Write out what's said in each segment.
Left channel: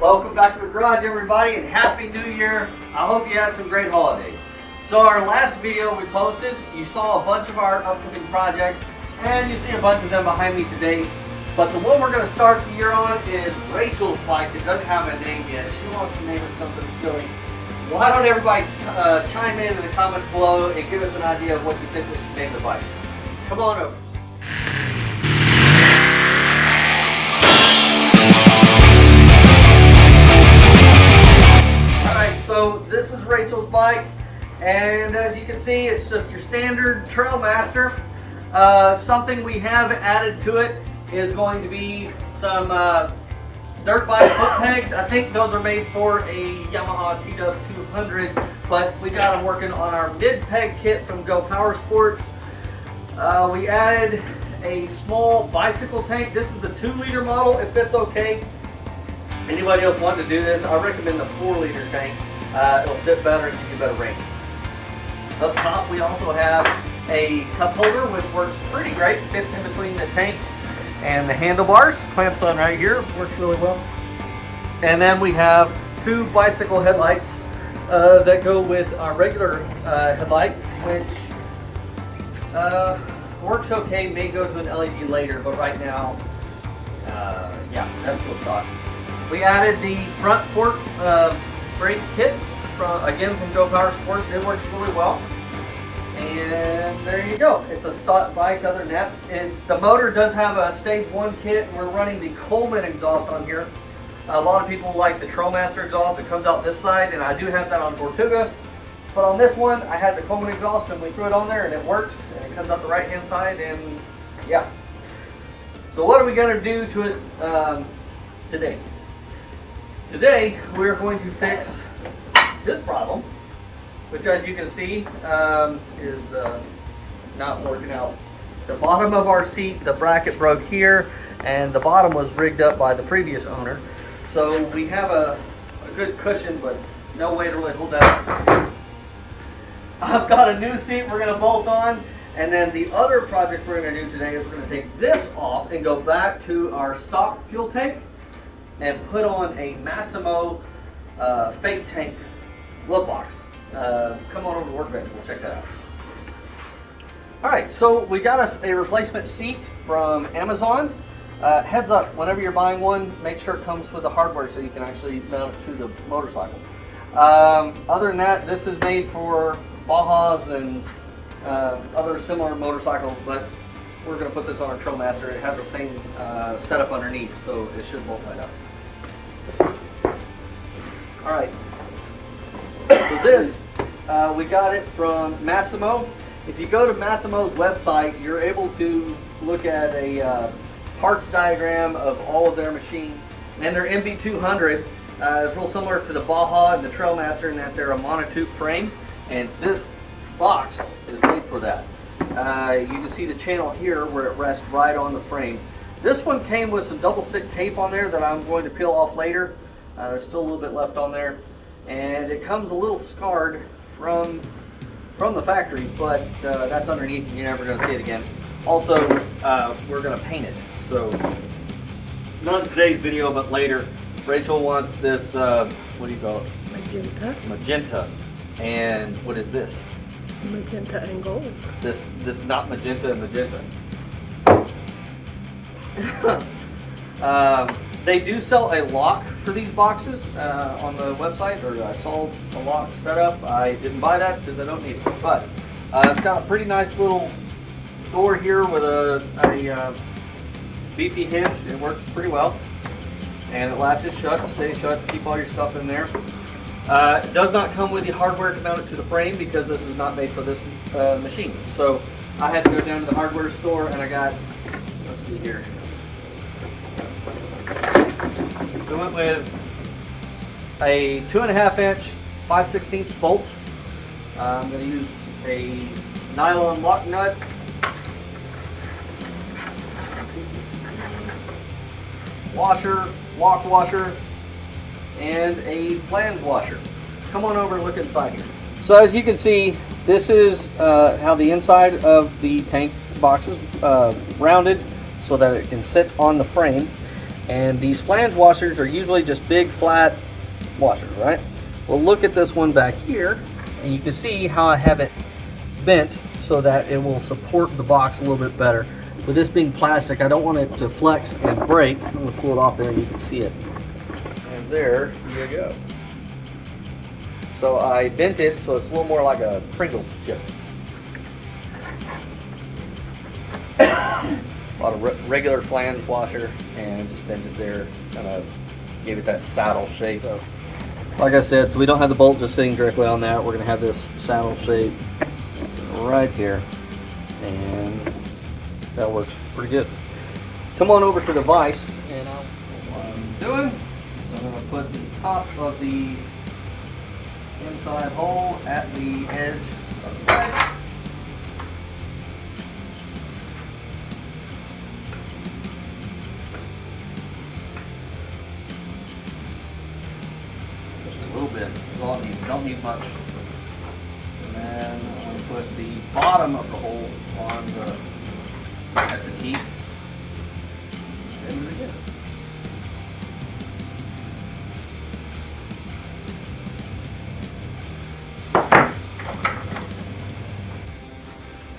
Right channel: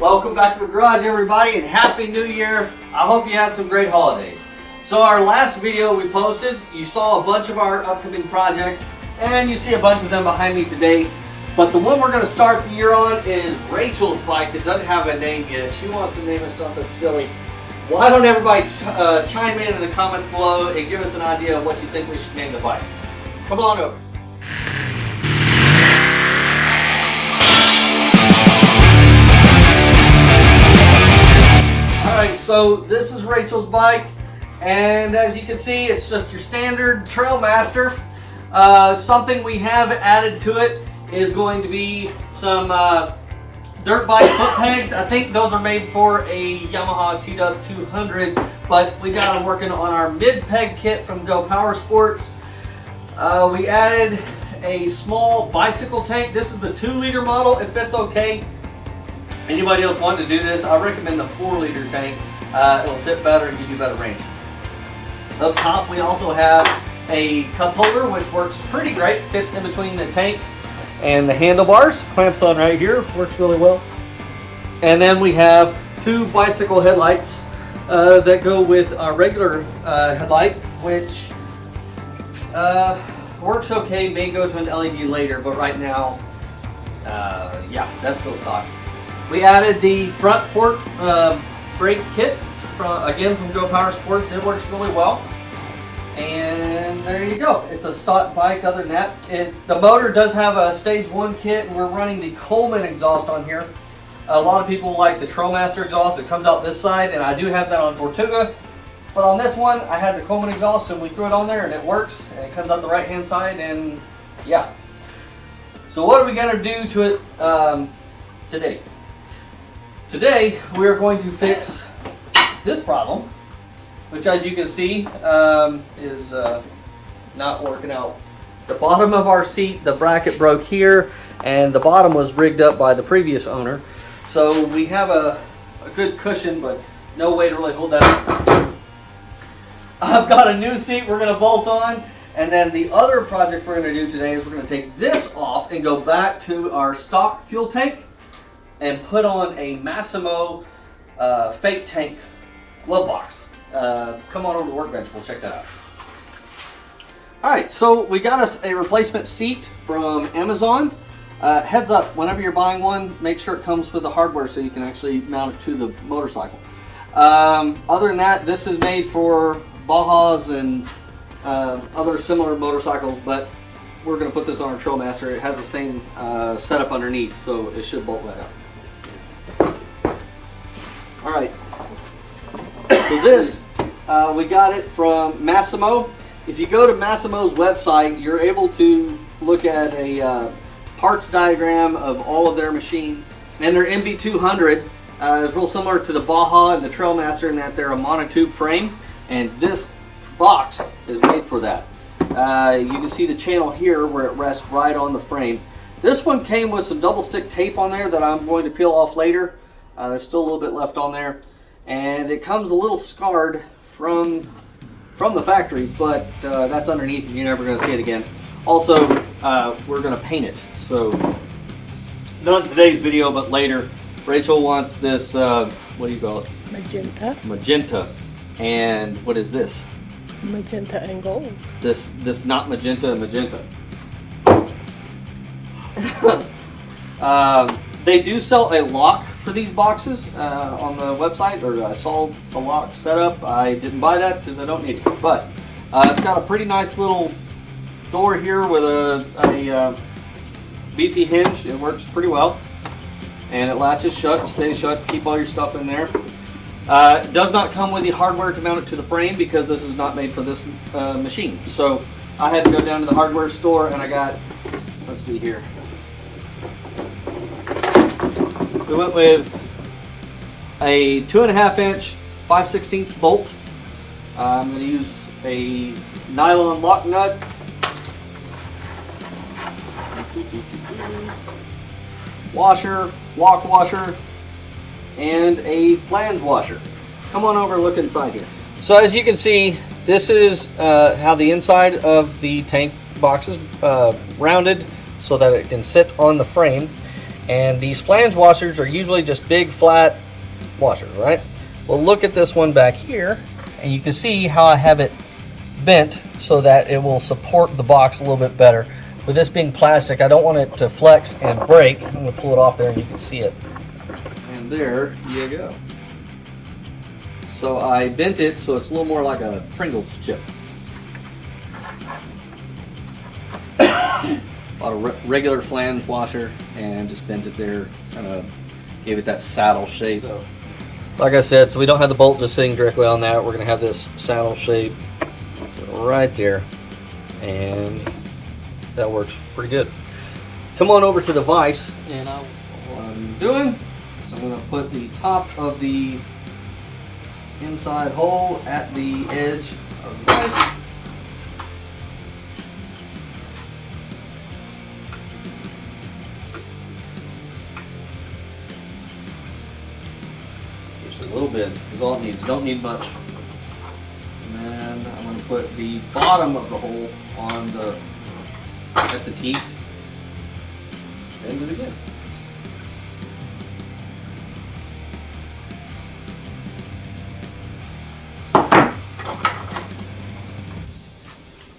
Welcome back to the garage, everybody, and Happy New Year. I hope you had some great holidays. So our last video we posted, you saw a bunch of our upcoming projects, and you see a bunch of them behind me today. But the one we're going to start the year on is Rachel's bike that doesn't have a name yet. She wants to name us something silly. Why don't everybody chime in the comments below and give us an idea of what you think we should name the bike. Come on over. So this is Rachel's bike, and as you can see, it's just your standard Trailmaster. Something we have added to it is going to be some dirt bike foot pegs. I think those are made for a Yamaha TW200, but we got them working on our mid peg kit from Go Power Sports. We added a small bicycle tank. This is the 2-liter model. It fits okay. Anybody else wanting to do this, I recommend the 4-liter tank. It'll fit better and give you better range. Up top we also have a cup holder which works pretty great. Fits in between the tank and the handlebars. Clamps on right here, works really well. And then we have 2 bicycle headlights that go with our regular headlight, which works okay. May go to an LED later, but right now, yeah, that's still stock. We added the front fork brake kit from Go Power Sports. It works really well. And there you go. It's a stock bike. Other than that, the motor does have a stage 1 kit, and we're running the Coleman exhaust on here. A lot of people like the Trailmaster exhaust. It comes out this side, and I do have that on Tortuga. But on this one, I had the Coleman exhaust, and we threw it on there, and it works. And it comes out the right-hand side, and yeah. So what are we going to do to it today? Today, we're going to fix this problem, which as you can see is not working out. The bottom of our seat, the bracket broke here, and the bottom was rigged up by the previous owner. So we have a good cushion, but no way to really hold that up. I've got a new seat we're going to bolt on, and then the other project we're going to do today is we're going to take this off and go back to our stock fuel tank and put on a Massimo fake tank glove box. Come on over to the workbench, we'll check that out. Alright, so we got us a replacement seat from Amazon. Heads up, whenever you're buying one, make sure it comes with the hardware so you can actually mount it to the motorcycle. Other than that, this is made for Bajas and other similar motorcycles, but we're going to put this on our Trailmaster. It has the same setup underneath, so it should bolt right up. Alright, so this, we got it from Massimo. If you go to Massimo's website, you're able to look at a parts diagram of all of their machines. And their MB200 is real similar to the Baja and the Trailmaster in that they're a monotube frame. And this box is made for that. You can see the channel here where it rests right on the frame. This one came with some double stick tape on there that I'm going to peel off later. There's still a little bit left on there, and it comes a little scarred from the factory, but that's underneath and you're never going to see it again. Also, we're going to paint it. So not in today's video, but later. Rachel wants this, what do you call it? Magenta. Magenta. And what is this? Magenta and gold. This not magenta, magenta. They do sell a lock for these boxes on the website, or I saw a lock setup. I didn't buy that because I don't need it, but it's got a pretty nice little door here with a beefy hinge. It works pretty well, and it latches shut, it stays shut, keep all your stuff in there. It does not come with the hardware to mount it to the frame because this is not made for this machine. So I had to go down to the hardware store and I got, let's see here. We went with a 2.5-inch 5/16 bolt. I'm going to use a nylon lock nut. Washer, lock washer, and a flange washer. Come on over and look inside here. So as you can see, this is how the inside of the tank box is rounded so that it can sit on the frame. And these flange washers are usually just big flat washers, right? Well, look at this one back here, and you can see how I have it bent so that it will support the box a little bit better. With this being plastic, I don't want it to flex and break. I'm going to pull it off there and you can see it. And there you go. So I bent it so it's a little more like a Pringles chip. A lot of regular flange washer and just bent it there, kind of gave it that saddle shape. So, like I said, so we don't have the bolt just sitting directly on that. We're going to have this saddle shape right there, and that works pretty good. Come on over to the vise, and what I'm doing, I'm going to put the top of the inside hole at the edge of the vise. Just a little bit is all it needs. Don't need much. And then I'm going to put the bottom of the hole on at the teeth and do it again.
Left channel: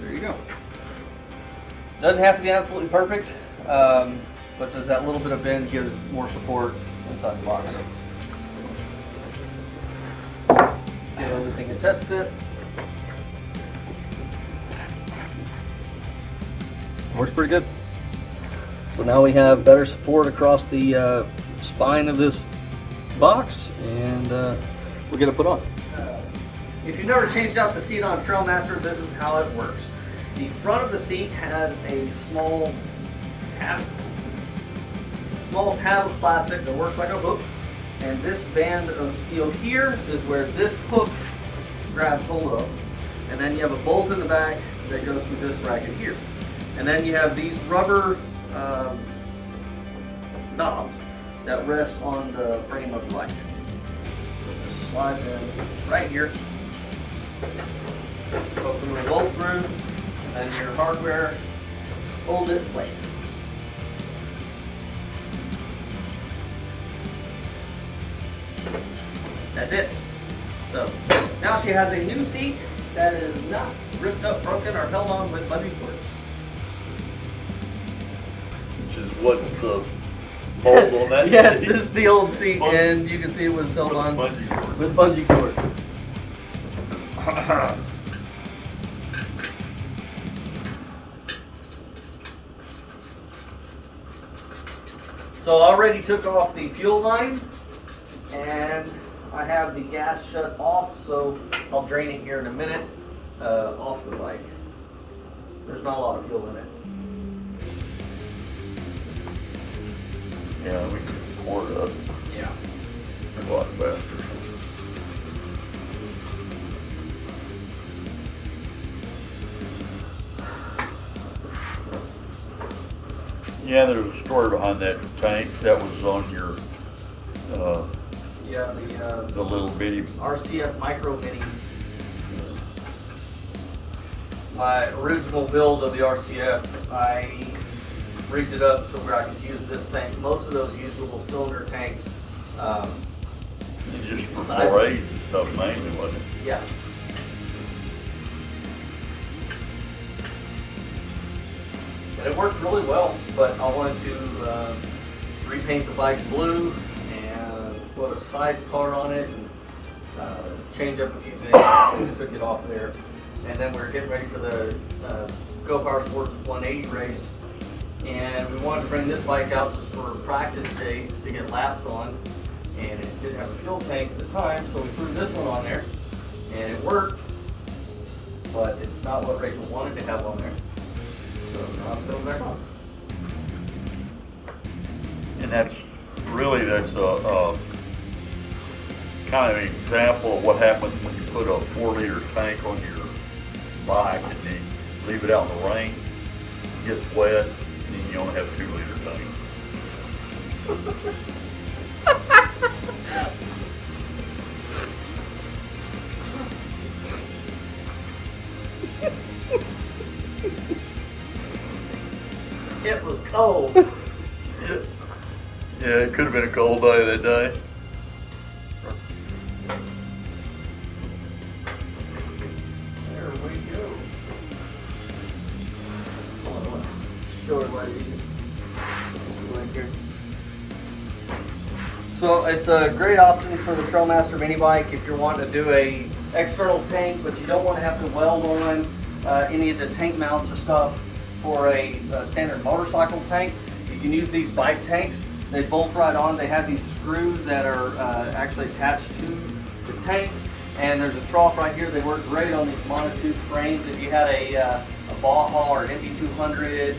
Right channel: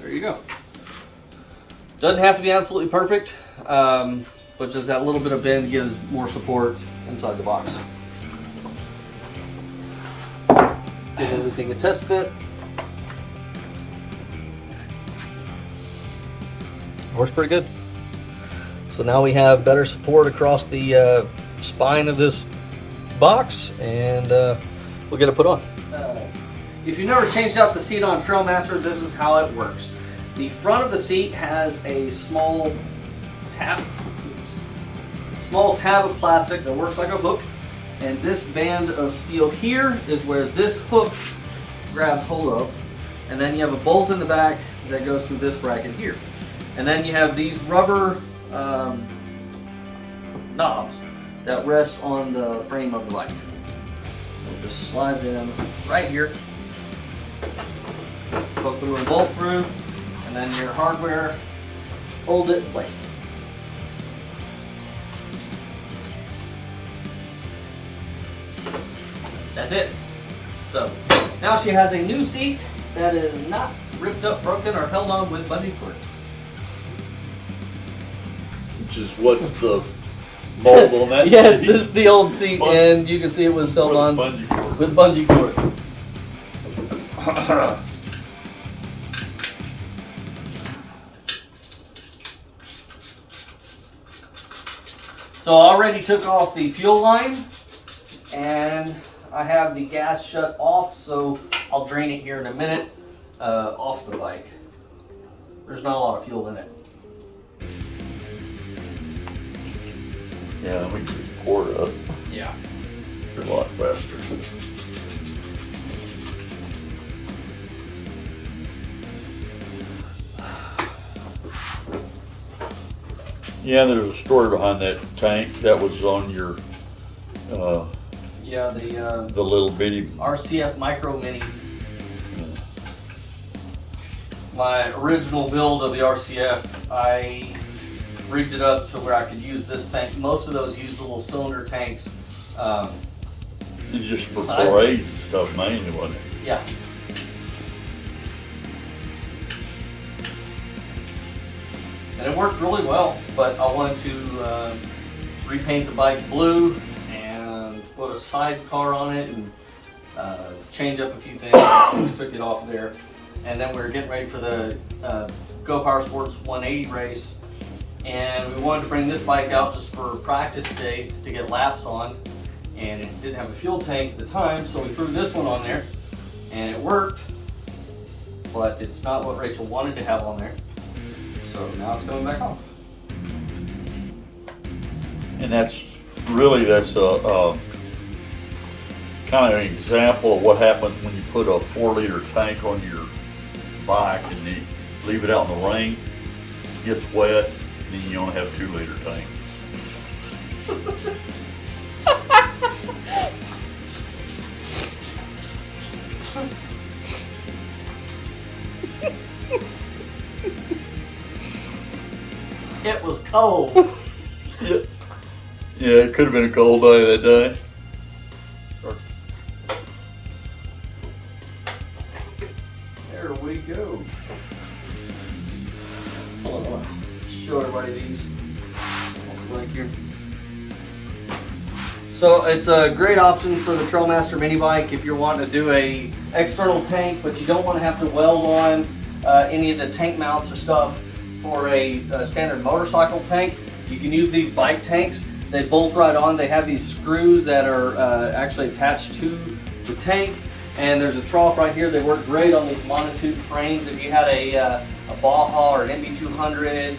There you go. Doesn't have to be absolutely perfect, but just that little bit of bend gives more support inside the box. Give everything a test fit. Works pretty good. So now we have better support across the spine of this box, and we'll get it put on. If you've never changed out the seat on Trailmaster, this is how it works. The front of the seat has a small tab of plastic that works like a hook, and this band of steel here is where this hook grabs hold of, and then you have a bolt in the back that goes through this bracket here. And then you have these rubber knobs that rest on the frame of the bike. It just slides in right here, hook the little bolt through, and then your hardware holds it in place. That's it. So now she has a new seat that is not ripped up, broken, or held on with bungee cords. Which is what's the mold on that? Yes, this is the old seat, and you can see it was held on with bungee cord. So I already took off the fuel line, and I have the gas shut off, so I'll drain it here in a minute off the bike. There's not a lot of fuel in it. Yeah, we can pour it up Yeah. a lot faster. Yeah, there was a story behind that tank that was on your, Yeah, the little bitty. RCF Micro Mini. My original build of the RCF, I rigged it up to where I could use this tank. Most of those use little cylinder tanks. It's just for 4As and stuff mainly, wasn't it? Yeah. And it worked really well, but I wanted to repaint the bike blue and put a sidecar on it and change up a few things. We took it off there. And then we were getting ready for the Go Power Sports 180 race. And we wanted to bring this bike out just for practice day to get laps on. And it didn't have a fuel tank at the time, so we threw this one on there. And it worked, but it's not what Rachel wanted to have on there. So now it's going back on. And that's a kind of an example of what happens when you put a 4-liter tank on your bike and then you leave it out in the rain, it gets wet, and then you only have a 2-liter tank. It was cold. Yeah. Yeah, it could have been a cold day that day. There we go. Oh, show everybody these. Right here. So it's a great option for the Trailmaster mini bike if you're wanting to do a external tank, but you don't want to have to weld on any of the tank mounts or stuff for a standard motorcycle tank. You can use these bike tanks. They bolt right on. They have these screws that are actually attached to the tank, and there's a trough right here. They work great on these monotube frames. If you had a Baja or an Indy 200,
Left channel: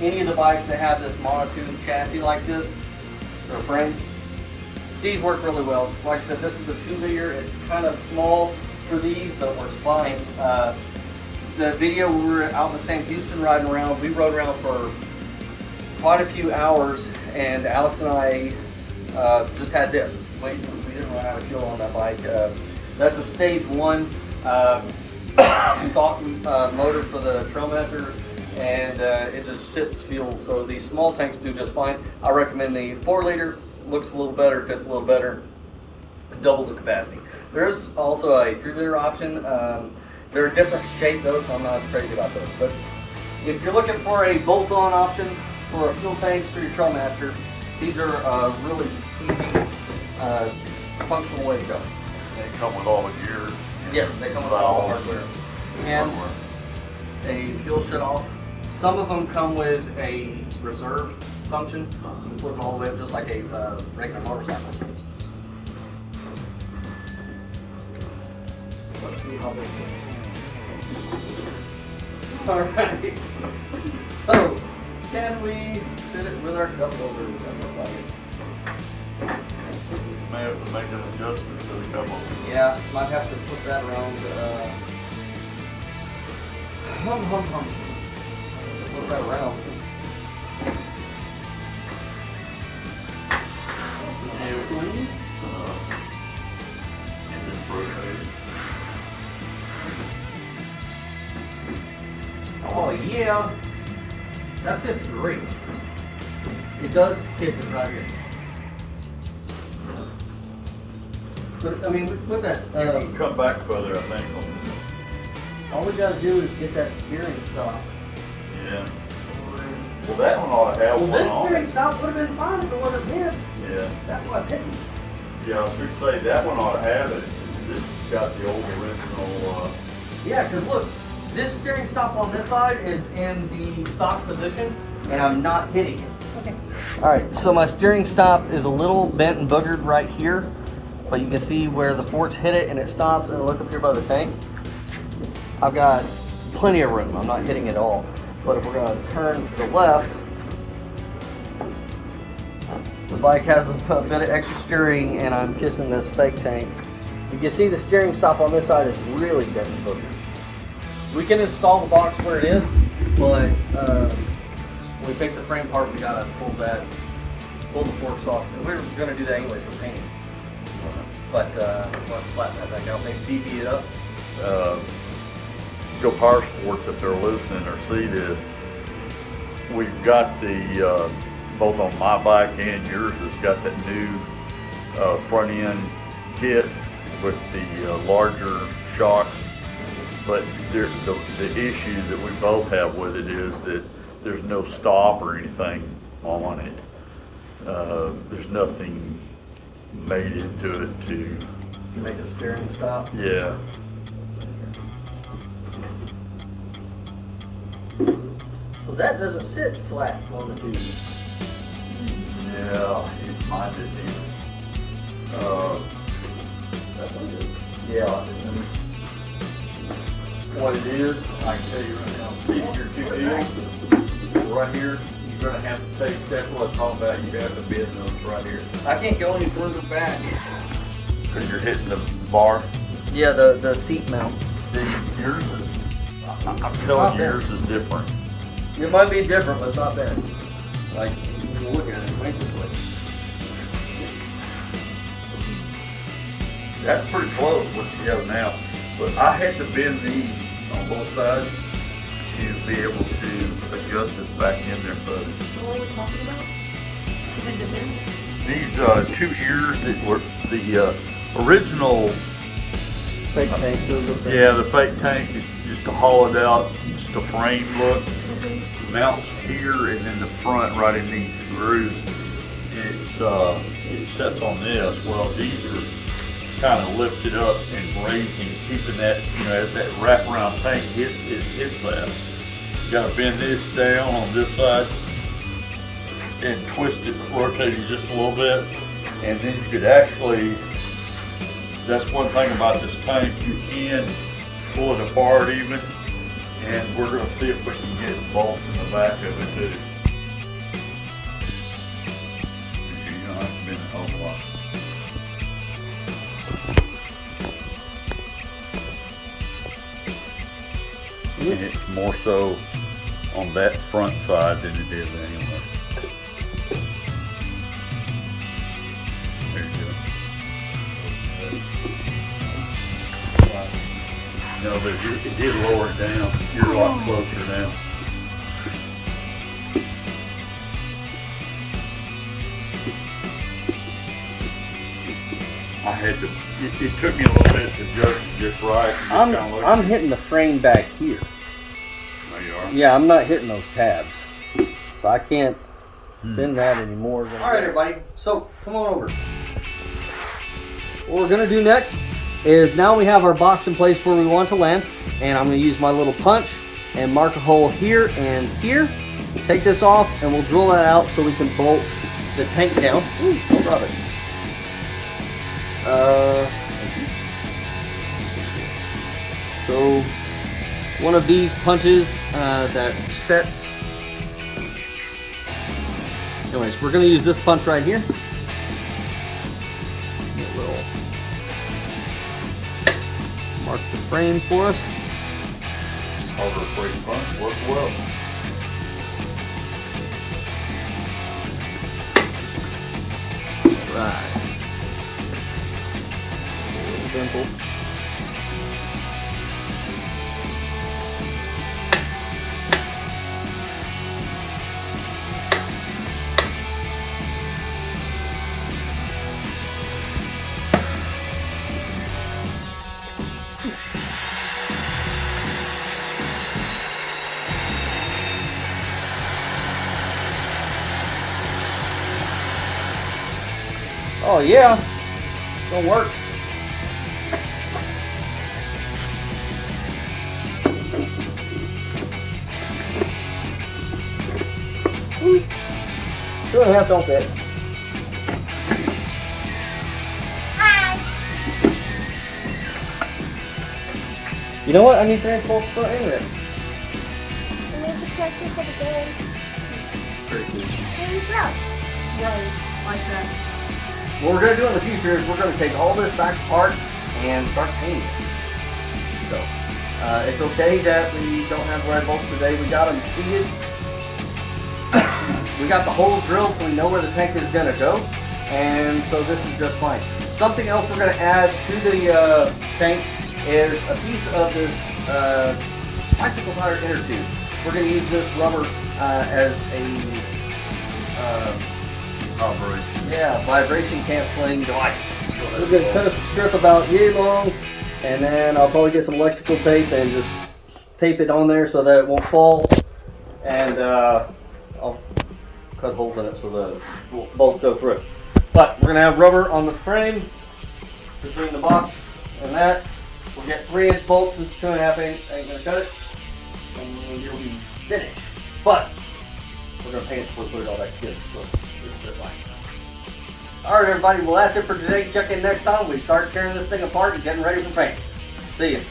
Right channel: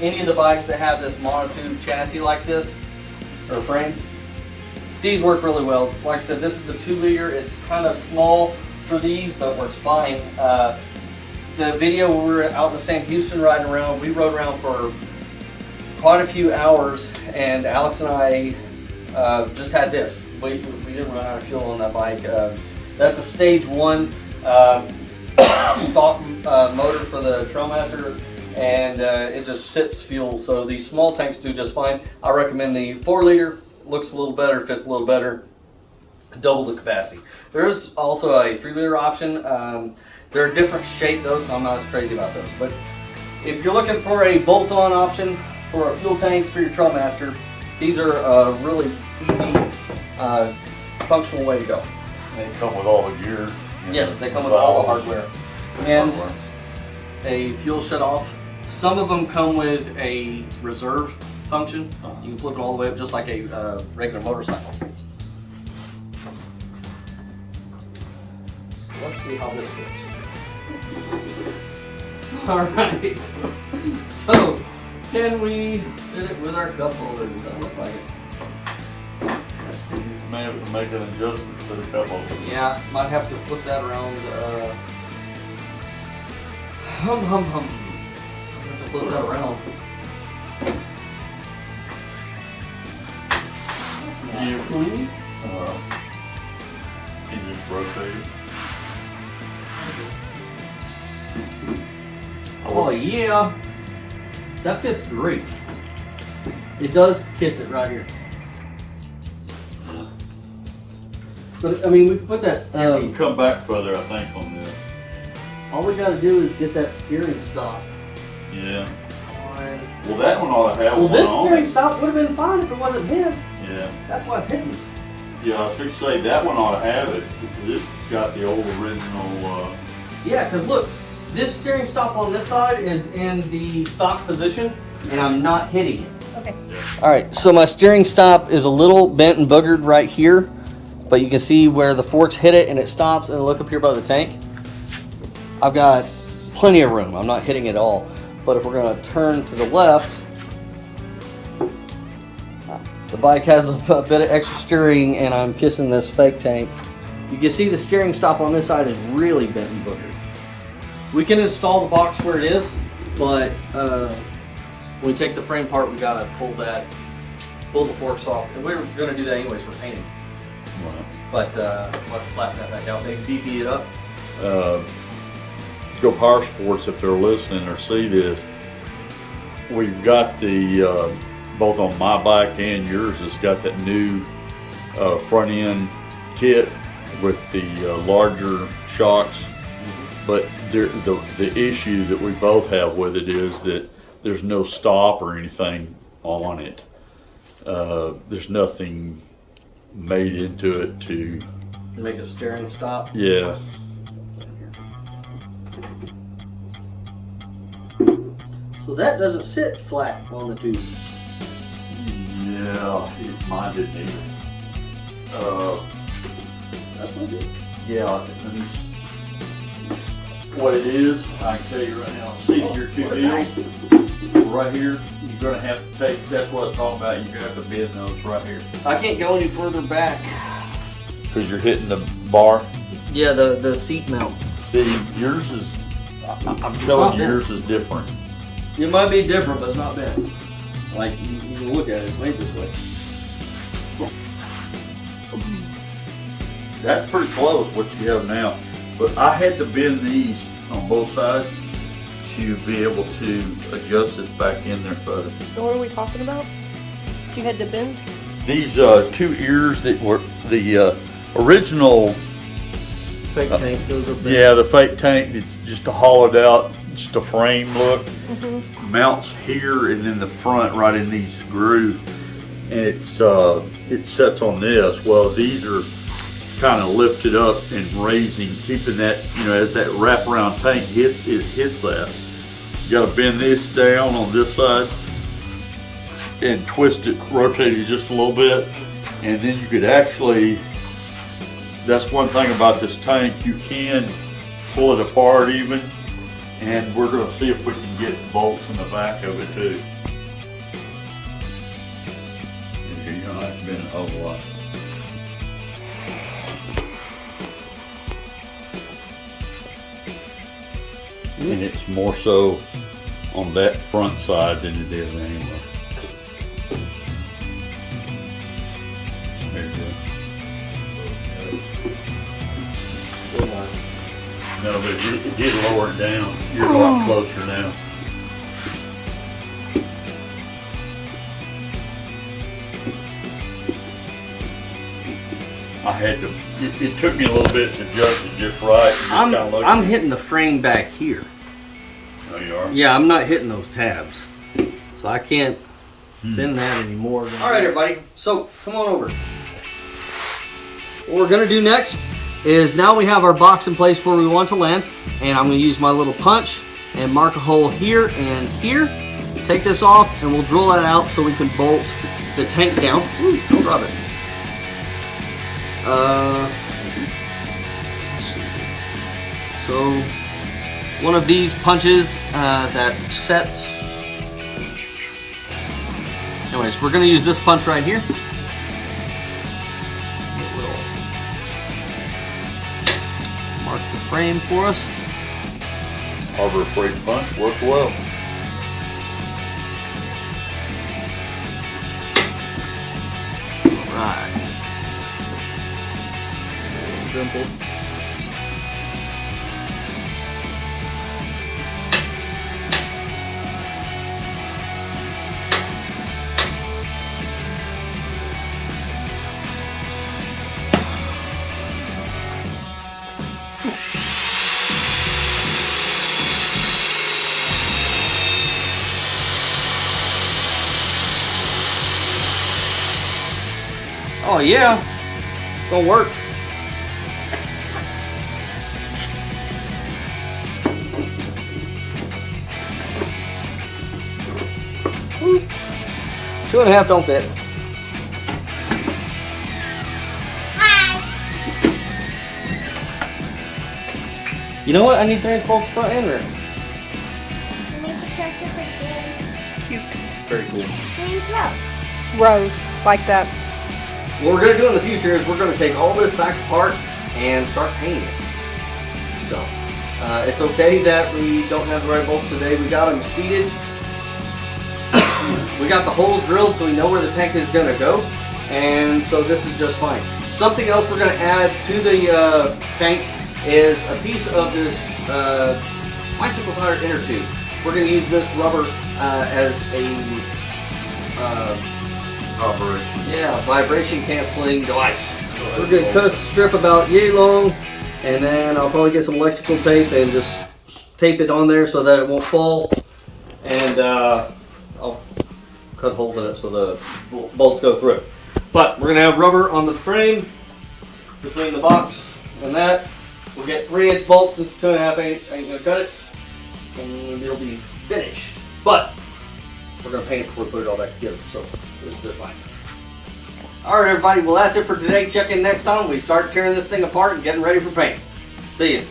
any of the bikes that have this monotube chassis like this, or frame, these work really well. Like I said, this is the 2-liter. It's kind of small for these, but works fine. The video where we were out in the Sam Houston riding around, we rode around for quite a few hours, and Alex and I just had this. We didn't run out of fuel on that bike. That's a stage 1 stock motor for the Trailmaster, and it just sips fuel. So these small tanks do just fine. I recommend the 4-liter. Looks a little better, fits a little better, double the capacity. There's also a 3-liter option. They're a different shape though, so I'm not as crazy about those. But if you're looking for a bolt-on option for a fuel tank for your Trailmaster, these are a really easy, functional way to go. And they come with all the gear. Yes, they come with all the hardware. And a fuel shut-off. Some of them come with a reserve function. You can flip it all the way up just like a regular motorcycle. Let's see how this works. Alright. So, can we fit it with our cup holder? Does that look like it? May have to make an adjustment to the cup holder. Yeah, might have to flip that around. Flip that around. And just rotate it. Oh yeah, that fits great. It does kiss it right here. But I mean, we put that. You can come back further, I think, on this. All we gotta do is get that steering stop. Yeah. Well, that one ought to have Well, one this on steering it. stop would have been fine if it wasn't hit. Yeah. That's why it's hitting. Yeah, I was going to say that one ought to have it. This got the old original. Yeah, because look, this steering stop on this side is in the stock position, and I'm not hitting it. Okay. All right, so my steering stop is a little bent and boogered right here, but you can see where the forks hit it and it stops, and look up here by the tank. I've got plenty of room. I'm not hitting it all. But if we're gonna turn to the left, the bike has a bit of extra steering, and I'm kissing this fake tank. You can see the steering stop on this side is really bent and boogered. We can install the box where it is, but when we take the frame apart, we gotta pull the forks off. And we were gonna do that anyways for painting. But we'll have to flatten that back out. They DD it up. Go Power Sports, if they're listening or see this, we've got the, both on my bike and yours, it's got that new front end kit with the larger shocks. But the issue that we both have with it is that there's no stop or anything on it. There's nothing made into it to Make the steering stop. Yeah. So that doesn't sit flat on the tube. Yeah, mine didn't either. That's not good. Yeah. What it is, I can tell you right now. See your two deals right here. You're gonna have to take. That's what I'm talking about. You have to bend those right here I can't go any further back. because you're hitting the bar. Yeah, the seat mount. See, yours is. I'm telling you, yours is different. It might be different, but it's not bad. Like, you can look at it, it's made this way. That's pretty close what you have now. But I had to bend these on both sides to be able to adjust it back in there further. So what are we talking about? you had to bend? These two ears that were the original. Fake tank goes up there. Yeah, the fake tank. It's just a hollowed out, just a frame look. Mounts here and in the front, right in these grooves. And it sets on this. Well, these are kind of lifted up and raising, keeping that, you know, as that wraparound tank hits that. You got to bend this down on this side and twist it, rotate it just a little bit, and then you could actually. That's one thing about this tank. You can pull it apart even, and we're going to see if we can get bolts in the back of it too. You don't have to bend a whole lot. And it's more so on that front side than it is on the other. There you go. No, but it did lower it down. You're a lot closer now. I had to, it took me a little bit to adjust it just right. I'm hitting the frame back here. Oh, you are? Yeah, I'm not hitting those tabs. So I can't bend that anymore. All right, everybody. So come on over. What we're gonna do next is now we have our box in place where we want to land, and I'm gonna use my little punch and mark a hole here and here. Take this off and we'll drill that out so we can bolt the tank down. Ooh, don't drop it. So one of these punches that sets. Anyways, we're gonna use this punch right here. It will mark the frame for us. Harbor Freight punch worked well. Right. Simple. Oh yeah, don't work. Two and a half don't fit. Hi. You know what? I need 3 bolts front and rear. I need to practice it again. Very cool. Please row. Rows, like that. What we're gonna do in the future is we're gonna take all this back apart and start painting it. So, it's okay that we don't have the right bolts today. We got them seated. We got the holes drilled so we know where the tank is gonna go. And so this is just fine. Something else we're gonna add to the tank is a piece of this bicycle tire inner tube. We're gonna use this rubber as a vibration canceling device. We're gonna cut us a strip about yay long, and then I'll probably get some electrical tape and just tape it on there so that it won't fall. And I'll cut holes in it so the bolts go through. But we're gonna have rubber on the frame between the box and that. We'll get 3-inch bolts. This is 2.5 inch. I ain't gonna cut it, and it'll be finished. But we're gonna paint it before we put it all back together. So it's just fine. All right, everybody. Well, that's it for today. Check in next time when we start tearing this thing apart and getting ready for paint. See you.